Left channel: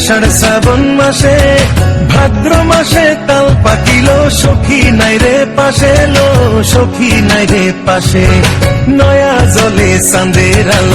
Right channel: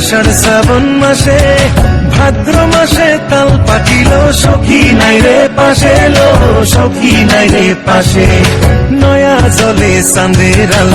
আষাঢ় শ্রাবণ মাসে ভাদ্র মাসে তাল পাকিল সখী নাই রে পাশে লো সখী নাই রে পাশে নয়া জলে চাঁদের আলো